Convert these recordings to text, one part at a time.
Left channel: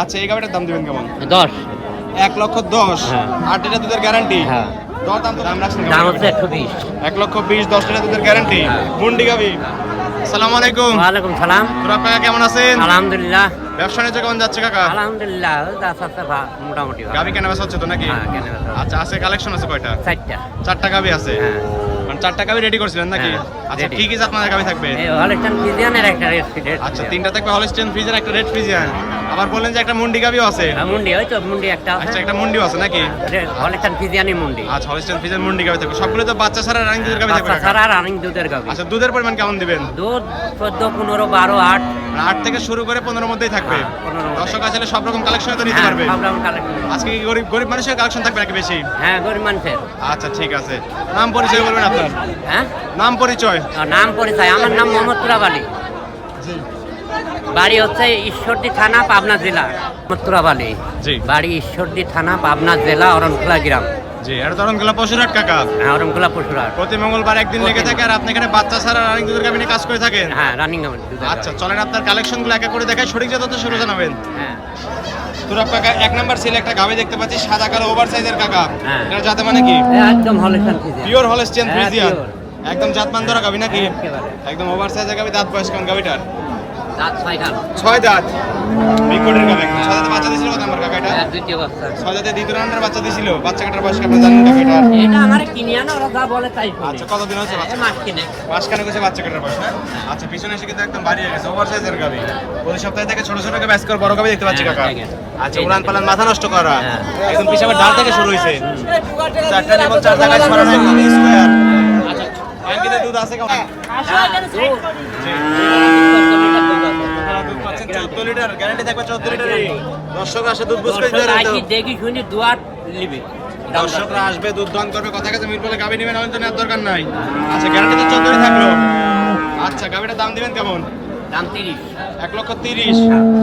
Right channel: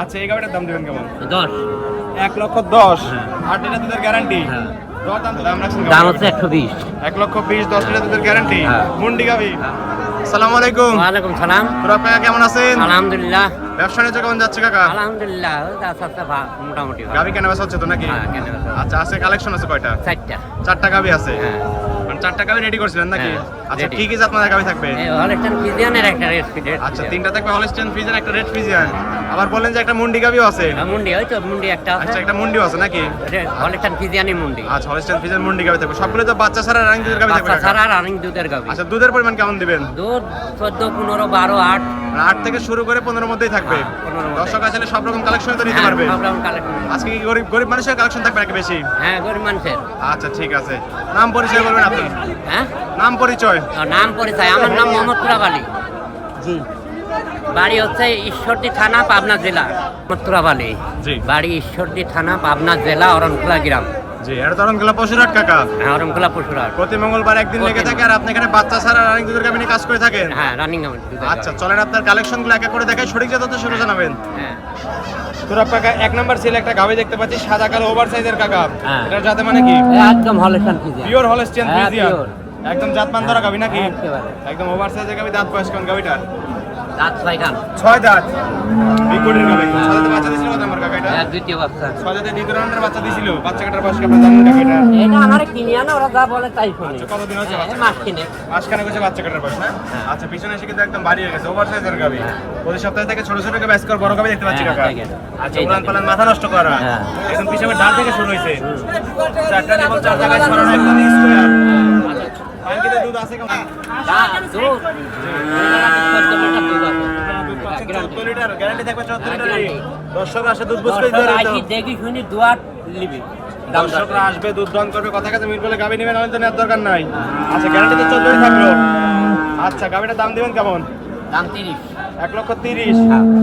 আচ্ছা, এই গাবিটার দাম দিবেন কেমন? 10। 1,10,000। হ্যাঁ। 8 লিটার দুধের গ্যারান্টি। হ্যাঁ। দর দাম তো দাম রাখছেন দাম কেমন? হচ্ছে 120। 1,20,000, 10 লিটার দুধের গ্যারান্টি। হ্যাঁ। মুন্ডি গাবি। আসসালামু আলাইকুম। ওয়ালাইকুম সালাম। তোরা কাকা কেমন আছেন? আলহামদুলিল্লাহ। ব্যবসা নিয়ে কেমন যাচ্ছে কাকা? আলহামদুলিল্লাহ, যাচ্ছে মোটামুটি ভালো। গাবি কেনা বেচা হচ্ছে তো নাকি? হ্যাঁ, কেন বেচা? আচ্ছা, আছে কালেকশন আছে কয়টা? 4টা। 4টা গাবি আছে। হ্যাঁ। মানে 4টা গাবি রেডি করছিলেন নাকি? হ্যাঁ, আচ্ছা, ready। কি কি জাতমানের গাবি থাকবে? এই হলস্টাইন ফ্রিজিয়ানের একটা রেড ফিডের। আচ্ছা, 3টা থাকবে হলস্টিয়ান ফ্রিজিয়ান, একটা রেড ফ্রিজিয়ান। আবার বললেন যে একটা মুন্ডি গাবিও আছে। মুন্ডি, ওই তো মুন্ডি একটা আছে। আচ্ছা, একটা মুন্ডিও আছে নাকি? হলস্টাইন ফ্রিজিয়ানি মুন্ডি। আচ্ছা, হলস্টিয়ান ফ্রিজিয়ান মুন্ডি গাবি থাকবে। সবগুলো তো বাচ্চা ছাড়া রানিং দুধের গাবি থাকবে বাচ্চা কাকা? ছাড়া রানিং দুধের গাবি। আচ্ছা, দুধের পরিমাণ কেমন দিবেন? দুধ 14, 15, 12, 8। 8 থেকে শুরু করে 15 মধ্যেই থাকবে। হ্যাঁ, 15 মধ্যে। দর্শক আসলে সব রকম কালেকশন তো নিতে পারবে। সব রকম কালেকশন। আজকে কি গরিব গরিব মানুষের কালেকশন থাকবে নাকি বেশি? হ্যাঁ, গরিব মানুষের। আচ্ছা, ঠিক আছে। নাম পরিচয় বলবেন আপনার? হ্যাঁ, নাম পরিচয়। নাম পরিচয়, আমার নাম মোহাম্মদ তুরাব আলী। জি বাড়ি হচ্ছে ঈশ্বরদী থানা, পাবনা জেলা। মোহাম্মদ তুরাব আলী। জি বাড়ি ঈশ্বরদী থানা, পাবনা জেলা, অরণখোলা গ্রাম। জি, এটা তরণখোলা পশুরহাট কাকা। হ্যাঁ, অরণখোলা পশুরহাট। প্রতি মঙ্গলবার একদিন লেগে থাকে। আর আপনি এখানে বাচ্চা ছাড়া রানিং দুধের গাবি নিয়ে কাজ করে থাকেন? হ্যাঁ, রানিং। আচ্ছা, চলেন আপনার কালেকশনগুলো একা করে দেখাই, সঠিক যত শুরু জানাবেন। হ্যাঁ, তুরাব কাকা, 1 নাম্বার ছেলে একটা গাবি দেখতে পাচ্ছি, সাদা কালো ওভার সাইজের কাকা। হ্যাঁ। এটা জাতে মানে কি? একদম হলস্টাইন ফ্রিজিয়ান। পিওর হলস্টিয়ান হ্যাঁ, ফ্রিজিয়ান। pure। একদম জাতমান ধরা গাবি নাকি? একেবারে। একদম ওভার সাইজের গাবি। দাঁত বয়স কেমন গাবিটার? দাঁত 6 খান। 6 দাঁত। বিগবডির গাবি। 6 দাঁতে বাচ্চা দিছিল কত নাম্বার কাকা এটা? হ্যাঁ, দ্বিতীয় বাচ্চা। 6 দাঁতে দ্বিতীয় রাউন্ডের বাচ্চা দিছিল। বাচ্চা কাটার বয়স কেমন জানেন কাকা এটা? এটা আমার কিনে আনা, ওরা যা বলে তাই শুনি। আচ্ছা, কতদিন হচ্ছে বাচ্চা মাস কাটার? কিনে। মাসখানেক হয়েছে বাচ্চা কাটার বয়স, হ্যাঁ? আচ্ছা, পিছনে এসে কিন্তু একদম ভারী হয়ে গেছে, ওভার সাইজের গাবি। প্রতি সপ্তাহে থেকে ছোট ছোট গাবি, আজকে বড় গাবি দেখতে পাচ্ছি হ্যাঁ, কাকা। দেখেন। আচ্ছা, এই উড়ান দেখেন। পালান মাথা নষ্ট করা। হ্যাঁ। একদম পিছনে ডাল থেকে শুরু হয়েছে। 4টা নিবল 4 জায়গায় ছড়ানো, একদম স্কয়ার। আচ্ছা, পাঙ্কিতে দুধ আছে কেমন? জি। আপনারা দুধ পাচ্ছেন 14 লিটার, গ্যারান্টি থাকবে 14 লিটারই। দর্শক আসে দুধ বুঝ করে দিতে পারে তো। দেখি শুনি দুয়ার নিবি। দর্শকরা আসবে, দুধ দান করবে, কথা কাছে মিল বলে গাবি নেবেন, তো নেওয়ার দরকার নাই। আচ্ছা, গ্যারান্টি তো 14ই থাকলো। আচ্ছা, গাবিটার দাম দিবেন কেমন? দাম 30। 1,30,000,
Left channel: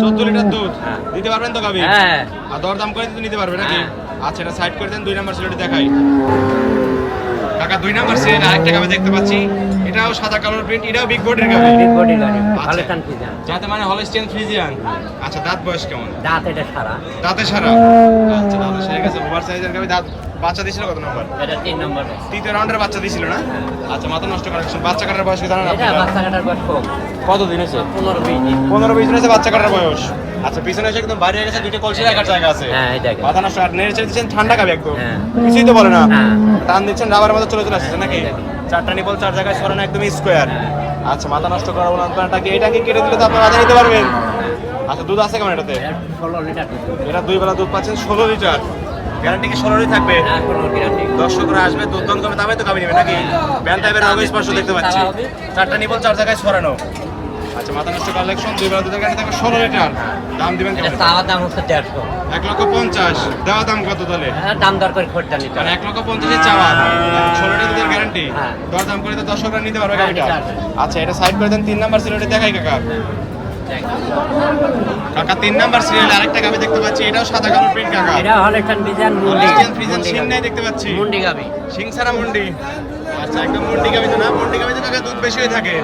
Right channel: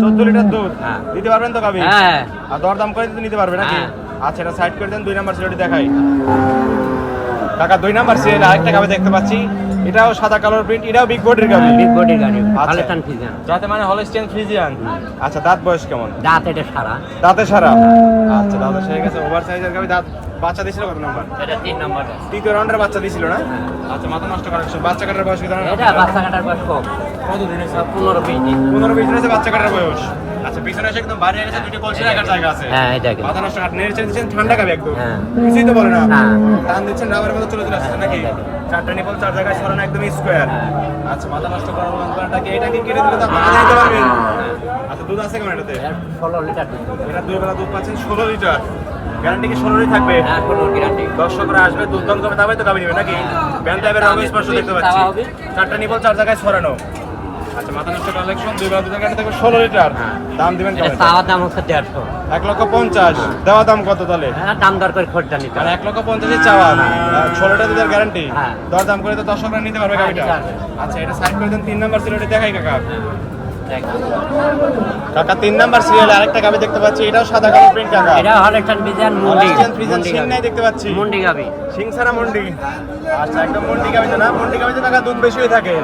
14 লিটার দুধ দিতে পারবেন তো গাবি? হ্যাঁ। আর দর দাম করে তো নিতে পারবে নাকি? আচ্ছা, এটা সাইড করে দেন। 2 নাম্বার সিরিয়ালটি দেখাই কাকা। 2 নাম্বার সিরিয়াল আরেকটা গাবি দেখতে পাচ্ছি, এটাও সাদা কালোর প্রিন্ট, এটাও বিগ বডির গাবি। বিগ বডি গাড়ি। আচ্ছা। Holstein Friesian. যাতে মানে হলস্টিয়ান ফ্রিজিয়ান। আচ্ছা, দাঁত বয়স কেমন? দাঁত এটা সারা। দাঁতে সারা। আচ্ছা, দাঁতে সেরে গেছে, ওভার সাইজের গাবি। দাঁত বাচ্চা দিছিল কত নাম্বার? এটা 3 নম্বর। তৃতীয় রাউন্ডের বাচ্চা দিছিল না? আচ্ছা, মাথা নষ্ট কালেকশন। বাচ্চা কাটার বয়স কি জানেন এটা আপনারা? বাচ্চা কাটার বয়স কম। কত দিন হয়েছে? 15-20 দিন। 15-20 দিন হয়েছে বাচ্চা কাটার বয়স। আচ্ছা, পিছনে এসে একদম বাড়ি গেছে, দুটো কলসি রাখার জায়গা আছে। হ্যাঁ, এটা কি? মাথা নষ্ট। আর নেড়ে চেড়ে দিচ্ছেন, ঠান্ডা গাবি একদম। হ্যাঁ। কিছুই তো বলে না। হ্যাঁ। টান দিচ্ছেন, রাবার মতো চলে আসছে নাকি? 4টা নিবল 4 জায়গায় ছড়ানো, একদম স্কোয়ার। আচ্ছা, মাথা নষ্ট করার বলতে কি? এটাকে কেটে দিলে তো আপনারা আধা নিতে পারবেন। আচ্ছা, দুধ আছে কেমন এটাতে? এটা 16 লিটার দুধ। এটা 2 বেলা দুধ পাচ্ছেন, 16 লিটার। গ্যারান্টি কি 16ই থাকবে? হ্যাঁ, 16 গ্যারান্টি। দর্শকরা আসবে, দুধ দান করবে, তবে তো গাবি নেবে নাকি? ব্যান টাইপের রঙ স্পর্শ দেখতে পাচ্ছি। 4টা নিবল 4 জায়গায় ছড়ানো। আচ্ছা, মাথা নষ্ট কালেকশন। 2 বেলা দুধের গ্যারান্টি থাকবে, 16 লিটার। দাম দিবেন কেমন? এটা চাওয়া দাম হচ্ছে 150। 1,50,000। দেওয়া দাম কত তাহলে? হ্যাঁ, দাম দর করে খরচা নিতে। মানে 1,50,000 চাওয়া, 16 লিটার দুধের গ্যারান্টি। হ্যাঁ। দর দাম করে তো দর্শকরা নিতে পারবে হ্যাঁ, গাবিটা। নিতে পারবে। আচ্ছা, এটা সাইড করে দেন। 3 নাম্বার সিরিয়ালটি দেখাই কাকা। দেখ। কাকা, 3 নাম্বার সিরিয়ালে আরেকটা গাবি দেখতে পাচ্ছি, এটাও সাদা কালো প্রিন্ট কাকা। এটা হলস্টাইন ফ্রিজিয়ান মুন্ডি। হলস্টিয়ান ফ্রিজিয়ান, শিং নাই দেখতে পাচ্ছি। মুন্ডি গাবি। শিং ছাড়া মুন্ডি। আচ্ছা, একদম মুন্ডি গাবি তো না? মুন্ডি গাবি তো কাকা দুধ বেশি হয়ে থাকে।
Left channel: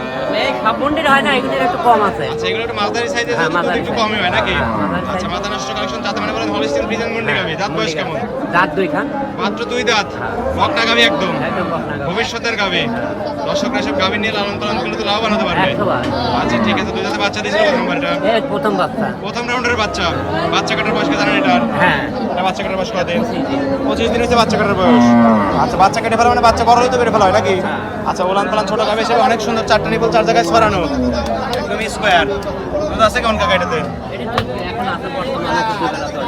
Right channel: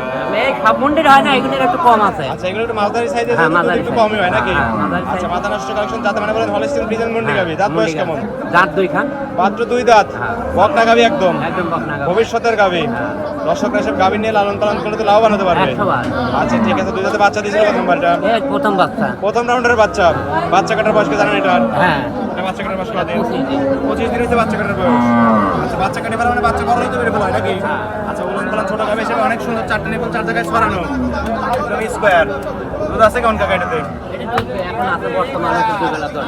এই সব মুন্ডির হয় না, এগুলোর একটু কম আছে। আচ্ছা, এগুলো একটু মালদারি সাইজে হ্যাঁ, দুধ মালদারি একটু size। কমই হয় নাকি? হ্যাঁ। আচ্ছা, মাথা নষ্ট কালেকশন। যাতে মানে বলেন হলস্টিয়ান ফ্রিজিয়ান মুন্ডি গাবি। দাঁত বয়স কেমন? দাঁত 2 খান। মাত্র 2 দাঁত। বকনা গাবি একদম একদম বকনা গাভী। ভবিষ্যতের গাবি। দর্শকরা সব গাবি নিয়ে লালন পালন করলে তো লাভবান হতে পারবে। 100 আচ্ছা, ঠিক আছে। 2 দাঁতে বাচ্চা দিয়েছিল কত নাম্বারটা? এই প্রথম বাচ্চা। প্রথম রাউন্ডের বাচ্চা। বাচ্চা কাটার বয়স কি জানেন এটার? হ্যাঁ। এটা বাচ্চা কাটার বয়স কত দিন? 25 দিন হচ্ছে বাচ্চা কাটার বয়স। আচ্ছা, বাচ্চা কেটে ফেলা মানে বাচ্চা বড় হইতে কেটে ফেলা হয় নাকি? হ্যাঁ। আচ্ছা, উলান পালান ছোট গাবি হিসেবে অনেক সুন্দর। 4টা নিবল 4 জায়গায় ছড়ানো, একদম স্কোয়ার। দুধ আছে কেমন কাকা এটাতে? এটা দুধ এখন আছে বর্তমানে তো 2 বেলা দুধ।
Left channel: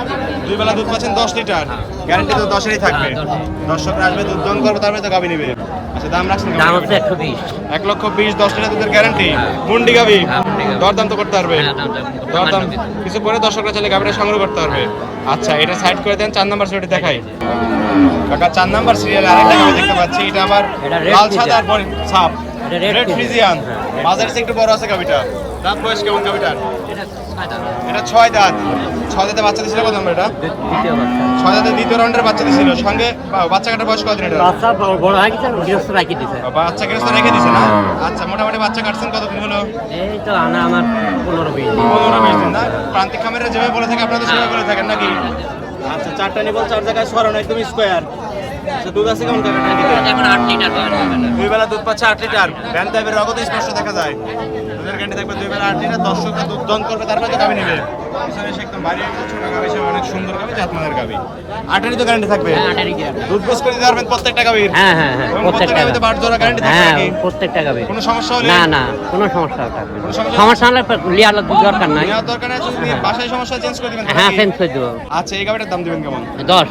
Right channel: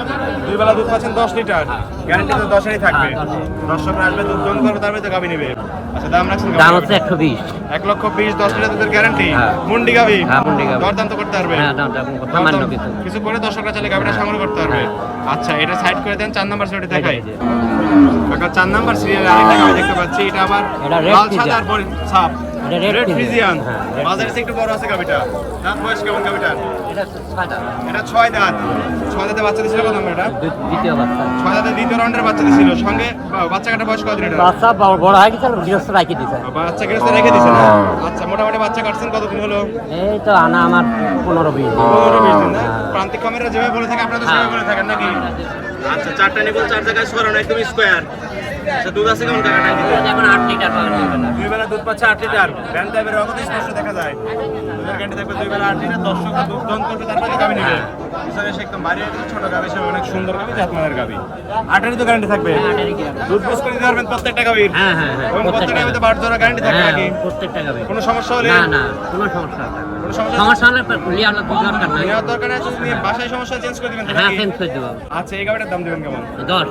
2 বেলা দুধ পাচ্ছেন, 10 লিটার। গ্যারান্টি তো 10-এরই থাকবে। হ্যাঁ, 10 দর্শকরা আসবে, দুধ দহন করবে, তারপরে তো গাবি নেবে। আচ্ছা, দাম রাখছেন কেমন দাম হচ্ছে গাবিটার? 120। 1,20,000, 10 লিটার দুধের গ্যারান্টি। হ্যাঁ। মুন্ডি গাবি। হ্যাঁ, মুন্ডি গাভী। দরদাম তো করতে পারবে। হ্যাঁ, দাম দরদাম সামান্য কিছু। কিছু করে দর্শকরা চাইলে গাবিটা সংগ্রহ করতে পারবে। আচ্ছা, এটা সাইড করে দেন। 4 নাম্বার সিরিয়ালটি দেখাই কাকা। 4 নাম্বার সিরিয়ালে আরেকটা গাবি দেখতে পাচ্ছি, এটা আবার এটা red লাল Friesian। সাদা আর ছাপ। এটা red রেড ফ্রিজিয়ান। হ্যাঁ। মাঝের চেয়ে একটু বড় আছে গাবিটা। দাঁত বয়স কেমন গাবিটার? এটা 6 দাঁত। এটা 6 দাঁত। 6 দাঁতে বাচ্চা দিছিল কত নাম্বার এটা? দ্বিতীয় বাচ্চা। 6 দাঁতে দ্বিতীয় রাউন্ডের বাচ্চা দিছিল। সঙ্গে বাচ্চা কাটার বয়স কতদিন এটা? বাচ্চা বড় হয়ে গেছে, গৃহস্থ রাখি দিছে। বাচ্চা গৃহস্থ রেখে দিছে না? আচ্ছা, মোটামুটি বাচ্চা কাটছেন কতদিন হলো? এই তো আনা আমার 15-20 দিন। 15-20 দিন না? প্রান্তিক খামারিরা যেভাবে বলে থাকে আপনারা তো সেভাবে বলে থাকেন নাকি? আচ্ছা, 4টা নিবল 4 জায়গায় ছড়ানো একদম স্কোয়ার। আচ্ছা, দুধ আছে কেমন কাকা? এখন 8 লিটার পাবেন বেলা। দুই বেলা দুধ পাচ্ছে 8 লিটার। ভ্যান টাইপের রগত স্পষ্ট দেখা যায়। দুধের গ্যারান্টি থাকবে 2 বেলা 8 লিটার। দর্শকরা দুধ দন করবে, তারপরে তো গাভী নেবে। পিছনে এসে একদম বাড়ি একদম ছোট গাভী হিসেবে অনেক সুন্দর গাভী, জাতমানের গাভী। 8-এরই তো গ্যারান্টি থাকবে। হ্যাঁ, 8 লিটার। দুধ গোস করে দিতে পারবেন প্রত্যেকটা গাভীর। হ্যাঁ, হ্যাঁ, হ্যাঁ, এবং প্রত্যেকটা প্রত্যেকটা গাভীতে বাট জোড়া গ্যারান্টি থাকবে হ্যাঁ, নাকি? প্রত্যেকটা গাবে। কোনো সমস্যা হলে? না, না, কোনো সমস্যা হবে না। কোনো সমস্যা? সমস্যা হলে লিয়ার দরকার নাই। নেওয়ার দরকার নেই, যদি বাসায় সমস্যা চেঞ্জ করে দিবেন তো হ্যাঁ, নাকি? চেঞ্জ করে দেবো। আচ্ছা, এই গাভীটার দাম দিবেন কেমন? 10।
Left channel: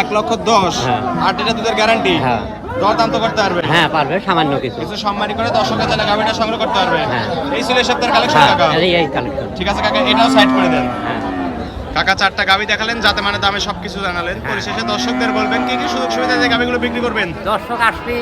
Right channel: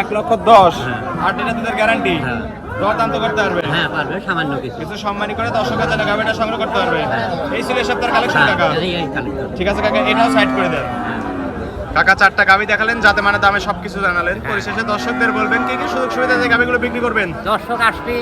1,10,000। হ্যাঁ। 8 লিটার দুধের গ্যারান্টি। হ্যাঁ। দর দাম তো করতে পারবে। হ্যাঁ, পারবে সামান্য কিছু। কিছু সম্মানী করে দর্শকরা চাইলে গাভীটা সংগ্রহ করতে পারবে। হ্যাঁ। এই ছিল এই সপ্তাহের কালেকশন হ্যাঁ, কাকা। এই কালেকশন। ঠিক আছে কাকা, এটাও সাইড করে দেন। হ্যাঁ। কাকা 4টা গাভী দেখালেন, যাতে মানে দামে সবকিছু জানালেন। হ্যাঁ। পরিশেষে দর্শকদের বলবেন কি কি সুযোগ সুবিধা দিয়ে গাভীগুলো বিক্রি করবেন। দর্শক আসবি,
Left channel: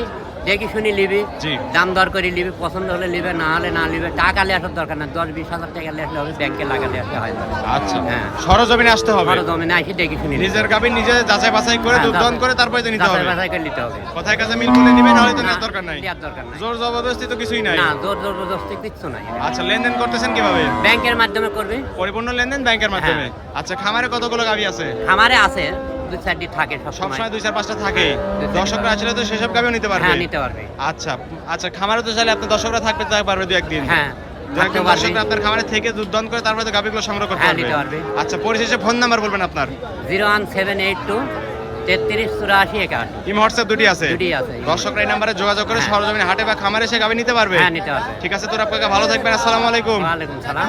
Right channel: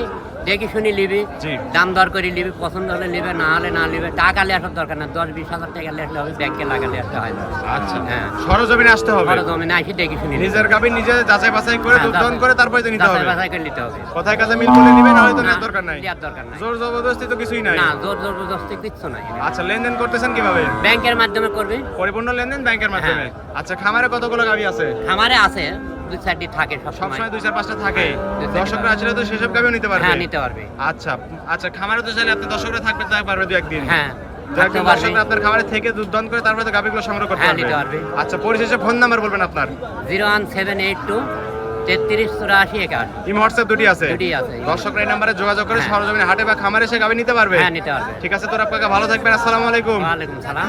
দেখি শুনি লিবি, জি। দাম দর করে লিবি, পছন্দ হলে লিবে, না হলে না লিবে। টাকা নিয়ে আসার দরকার না, 10-20 হাজার টাকা নিয়ে আসলে হবে, ব্যাংকে লাগালে আসলে হয় না। আচ্ছা, হ্যাঁ। সরজমিনে আসতে হবে। বড় জমিনে আসি দেখি শুনি লিবি। নিজের গাভী নিজে যাচাই বাছাই করে হ্যাঁ, দুধ দহন যাচাই- করে তারপরে তো নিতে হবে। যাচাই বাছাই করে নিতে হবে। কথায় কাজে মিল করলে নিবেন, নাহলে তো না, নেওয়ার দরকার নাই। নেওয়ার দরকার নাই। জোর জবরদস্তি তো কিছুই নাই। না, জোর জবরদস্তি কিচ্ছু নাই। আচ্ছা, লেনদেন করতেছেন কিভাবে? ব্যাংকের মাধ্যমে করবে। পরিপূর্ণ লেনদেন ব্যাংকের মাধ্যমে। আচ্ছা, খামারে কতগুলো গাভী আছে? আমারে আছে 2-4টি থাকে সব সময়। সবসময় 2-4-5টা থাকে। হ্যাঁ, 2-4 দর্শকরা আসলে তো সেসব গাভীও নিতে পারবে। হ্যাঁ, নিতে পারবে। আচ্ছা আচ্ছা, খামারে তো চাইলে আপনি দর্শকরা থাকতে পারবে 2-1 দিন। হ্যাঁ, দু থাকতে একদিন পারবে। দর্শকরা আপনার খামারে থেকে দুধ দহন করে তারপরে তো গাভীগুলো সংগ্রহ করতে হ্যাঁ, পারবে। নিতে পারবে। আচ্ছা, পরিশেষে ফোন নাম্বার বলবেন আপনার। 01782 3384 ইমো হোয়াটসঅ্যাপ দুটি আছে। দুটি আছে। দর্শকরা এই নাম্বারে যোগাযোগ করে হ্যাঁ। সরজমিনে হাটে বা খামারে এসে গাভী নিতে পারবে। হ্যাঁ, নিতে পারবে। ঠিক আছে, তোর আপনাকে ভালো থাকবেন। আসসালামু আলাইকুম। ওয়ালাইকুম সালাম।